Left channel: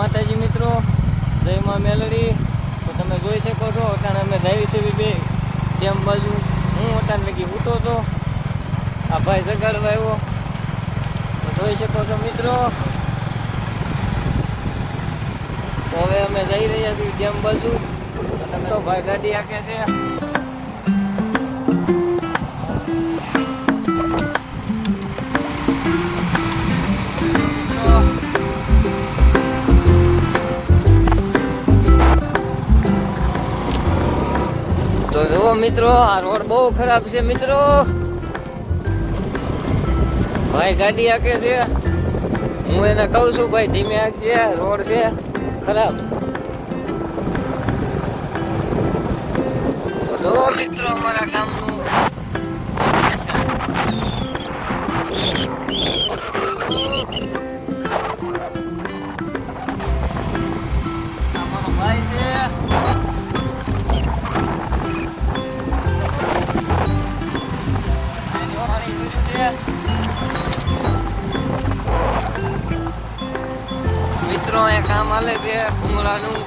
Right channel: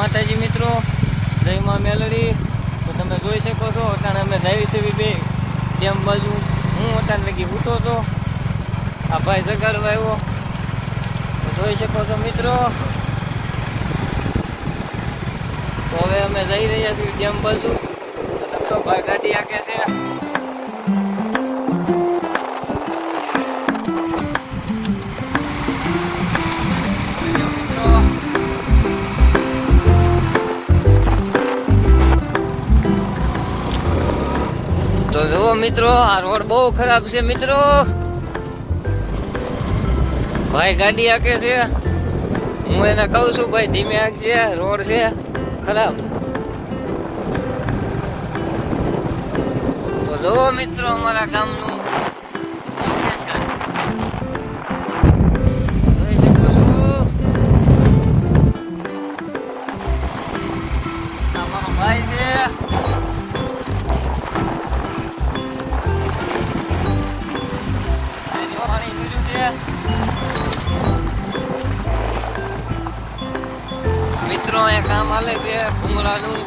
માતાજી મિત્રો, જય માં મેલડી. તો તમે જોઈ શકો છો અટાણે અમે જાવી છે બે ડેમ બાજુ. હું અટાણે લગી ઉઠો હતો, આ ભાઈ જગાડવા આવ્યો. તો જોઈ શકો છો મિત્રો. તો હવે અમે જઈ રહ્યા છીએ ડેમ બાજુ. તો ભાઈ ગાડી આકે છે. તો જુઓ મિત્રો, આ રોડ બહુ ખરાબ છે મિત્રો. ભાઈ ગાડી આકે છે, હું એને કહું છું ભાઈ ધીમે આકજે, રોડ છે ખરાબ. તો જુઓ મિત્રો અમારા ગામનું અમારો ભાઈ છે. મિત્રો અહીંયા કામ હાલે છે ભૂંગળાનું.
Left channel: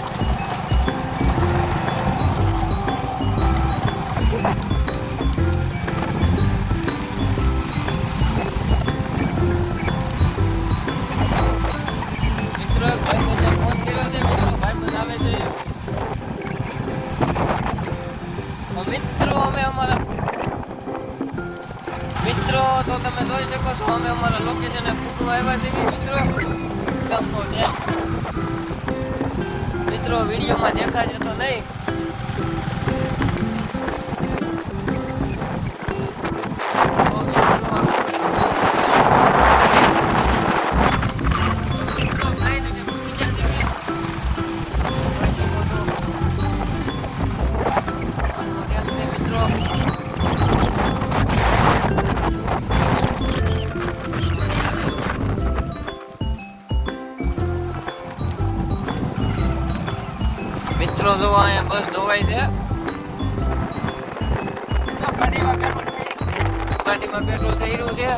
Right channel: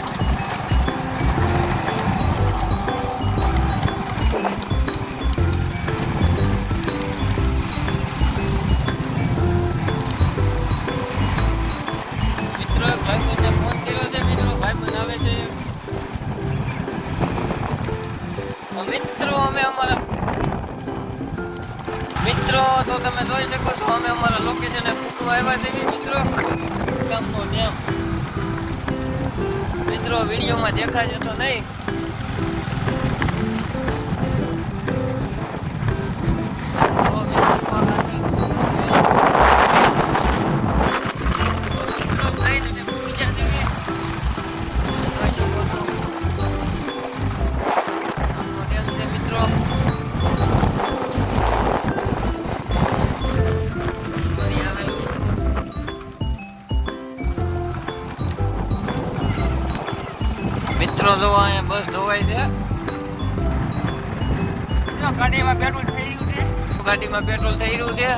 મિત્રો ભાઈ મને ફોન કર્યો છે. મિત્રો ભાઈ બનાવે છે. મિત્રો અમે અમારા મિત્રો તો તમે જોઈ શકો છો, અમે અમારા લોકેશને ફૂટવા આવ્યા છે મિત્રો. ગામનો ડેમ મિત્રો વિડીયોમાં દેખાશે તો નહીં. મિત્રો જો અહીંયા બસ ધોવાય છે. ગાડીમાં પેટ્રોલ થઈ રહ્યું છે.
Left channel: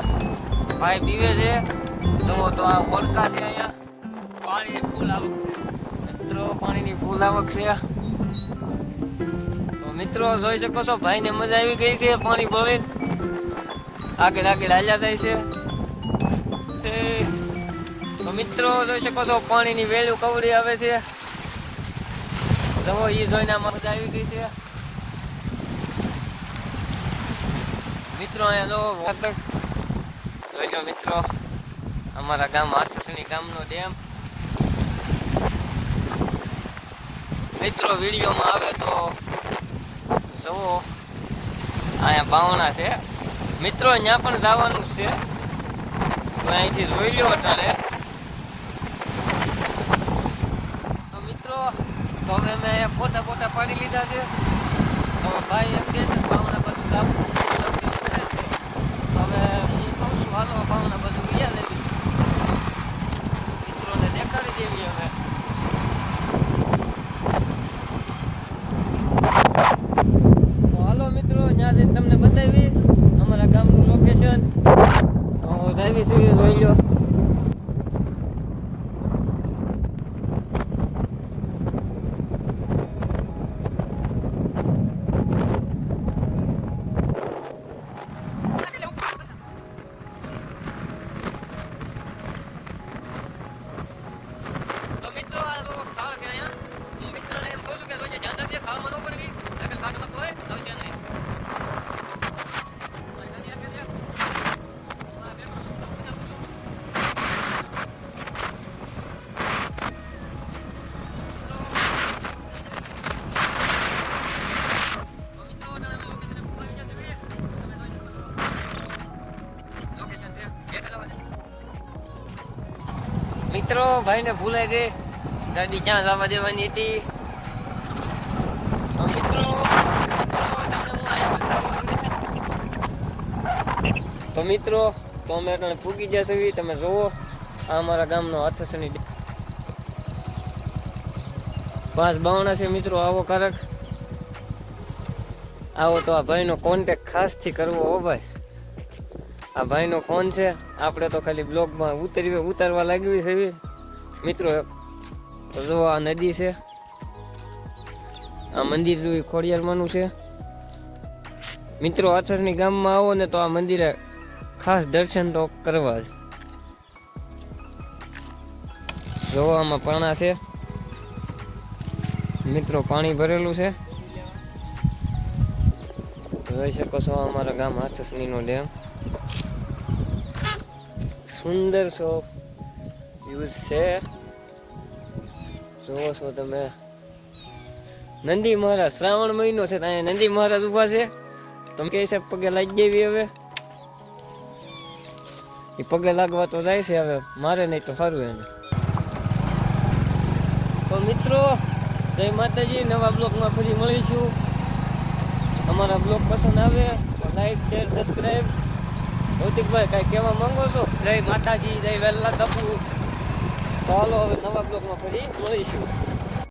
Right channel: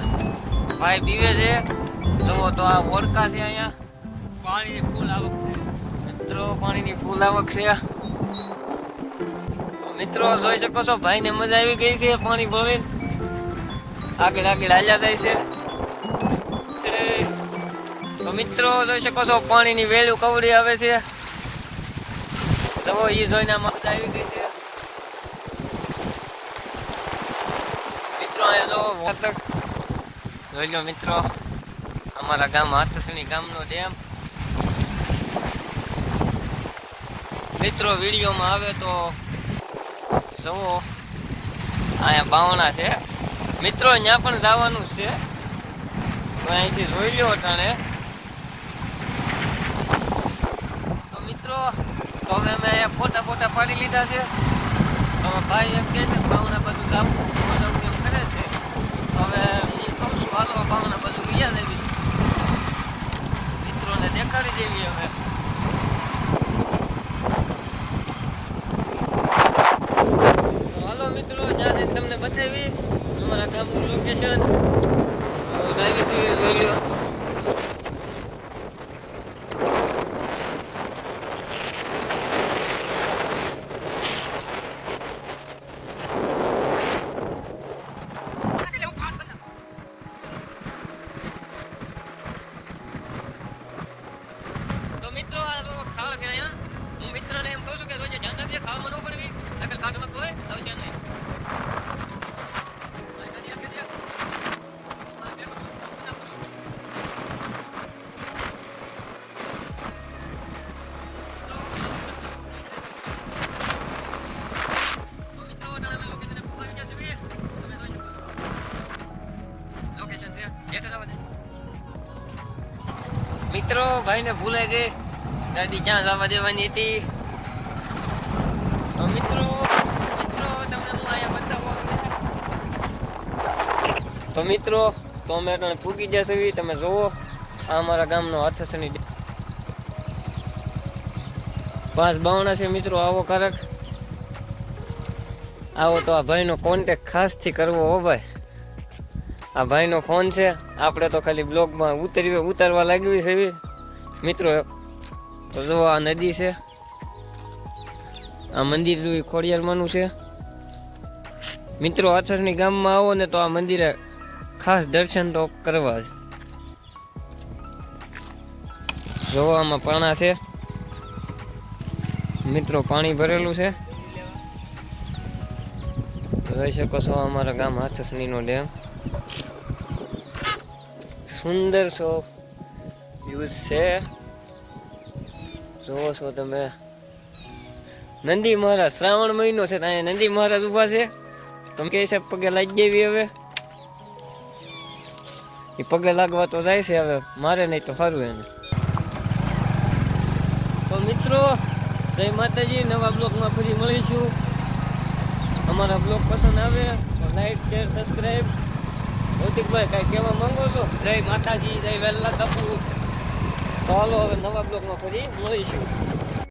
ભાઈ પીવે છે. જુઓ તો આ ઓળકા છે અહીંયા. પાણીની ફૂલ આવક છે મિત્રો, પાણીની ફૂલ આવક છે. મિત્રો જોઈ શકો છો ભાઈને મજા આવી ગઈ છે પાણી ભરી. આગળ આગળ હાલ્યા જાય છે. તો મિત્રો જોઈ શકો છો પાણીની વેલ્યુ કવડી આવે છે. જવો ઈ જોઈને મજા આવી ગઈ છે મિત્રો. અહીંયા જો જોઈ લો મિત્રો, અમારા ગામ હાથસણી ગામનો ડેમ. મિત્રો વિડીયોમાં આવે તો જુઓ, અહીંયા બાવણા છે મિત્રો. ત્યાં પણ જવાનું છે. તો અહીંથી જોઈ લો અટાણે. તો મિત્રો તો હવે અમે ફોટા પાડી લીધા છે. હવે ભાઈ એમ કહે છે ભાવના બધું જવું કરે છે. તો હવે હું કહું છું હાલો ભાવના બધું ગયા દેવી, મિત્રોને દેખાડી દેવી. હવે તો હાલો મિત્રો, જ્યાં જઈને તમને બતાવી અમારા ગામનું લોકેશન. ડ્રાઈવી સીવી જોઈ લો. મિત્રો આ તો ખાવા છે અહીંયા. હું મિત્રને એમ કહું છું કે રોજે ધ્યાન રાખજે, ખાવામાં ન પડવી નકર કાટમાં કોઈ આવશે નહીં. મિત્રો ભાઈને ભૂલાઈ ગઈ ગાડી ક્યાં જવા દેવાની હતી. મિત્રો તમને હું અહીંયા બતાવું. તો મિત્રો તો અમે અટાણે પૂગી જશે. તમે જુઓ આ અમારા ગામનો હાથસણી 552 છે મિત્રો. આવો કારક આવો તો આ ભાઈનો કોન્ટેક્ટ ખાસથી કરવો હો ભાઈ. આ ભાઈનો ફોન છે, આપણે તો ખાલી બ્લોગમાં ઉતારવા લાગવી છે મિત્રો. તો જો આ નદી છે, આ મંદિર ખોડિયારમાંનું છે. મિત્રો આથરની ગામમાં આવો ને તો આ મંદિરે ખાસ દર્શન તો કરવા જ. જો આમાં પાણા છે મિત્રો, પાણી ભરેલું છે. જોઈ શકો છો અમારા ગામ હાથસણીનો ડેમ. સુંદર સો વ્યૂઝ છે, જોવો છો તમે. નંદી મહારાજ, શ્રાવણ મહિનો છે, ત્યાં નંદી મહારાજ ઉભા છે. તમે કે છે પગે લાગી દેવી. હવે એ પગે લાગવા તો જાય છે, હવે મારે નહીં તો સારું એને. તો મિત્રો જય માતાજી, નવા બ્લોગમાં ફરી મળીશું. અમારા બ્લોગ પસંદ આવે તો લાઈક, શેર, સબસ્ક્રાઈબ. ભૌતિકભાઈ કાંઈ કહેવા માંગો છો? જય માતાજી, જય વેલ્લા તપુ. ચાલો હવે નવા બ્લોગમાં ફરી મળીશું.